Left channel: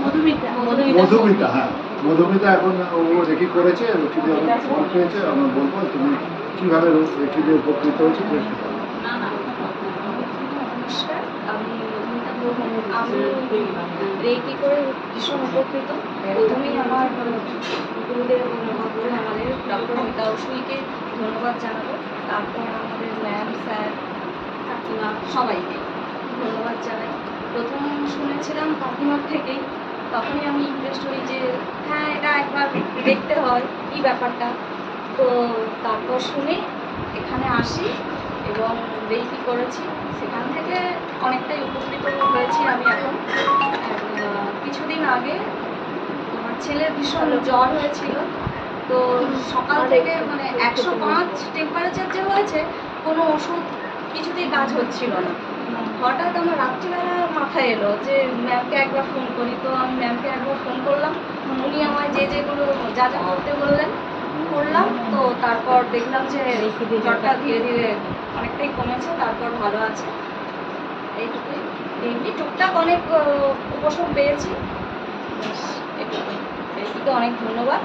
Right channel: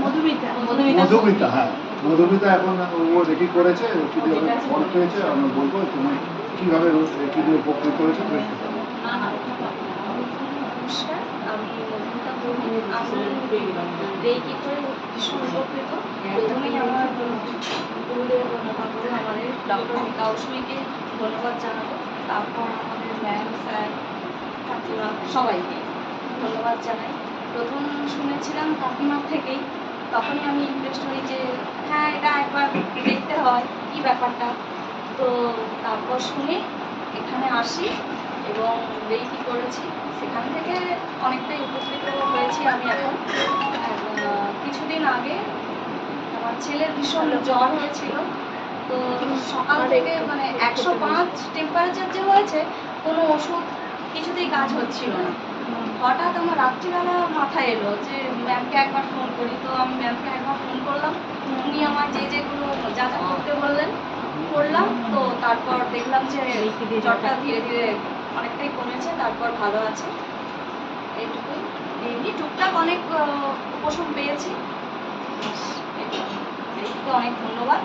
মধুমিতা, হ্যাঁ মধুমিতা এখন ও রেকি করেছে, রেকি দিয়ে ফল পেয়েছে। আমি বলবো তুমি কিভাবে রেকি দিয়ে উপকৃত হয়েছে। আমি রেকি করে ভীষণ উপকৃত। প্রথমেই আমার গুরুদেব মহাগুরু আমাদের ডক্টর মিতা উসুইকে ধন্যবাদ জানাবো। তারপর আমাদের ম্যাম, স্যার, কাকিমা সবাইকে ধন্যবাদ জানাই। প্রথম শুনেছিলাম কাকিমার থেকেই, তখনই আমি ইন্টারেস্ট হই যে হ্যাঁ এটা একবার দেখতে হয় কী ব্যাপারটা। তো তারপর শুনে এখানে আসি এবং রেকি করেছি। সেখান থেকে অনেকটাই উপকৃত হয়েছি আমি এখন। কিছুদিন আগে আমার ছেলের ভীষণ জ্বর হয়েছিল। তো সকাল থেকে মানে 105 টেম্পারেচার যে হয়েছে, কোনো ওষুধ কিছুতেই কাজ হচ্ছিল না। হঠাৎ আমার রাত্রিবেলা মাথায় এলো যে ম্যামকে একবার ফোন করি। তো আমি ম্যামকে একবার ফোন করলাম, উনি আমায় যেগুলো যা যা করতে বললেন করলাম। তো তারপর দেখলাম যে জ্বরটা ধীরে ধীরে অনেকটাই কমেছে, তারপর ভালো আছে। এইটুকুই। এমনি টুকটাক অনেক উপশম পেয়েছি। এইটুকুই। অনেক ধন্যবাদ।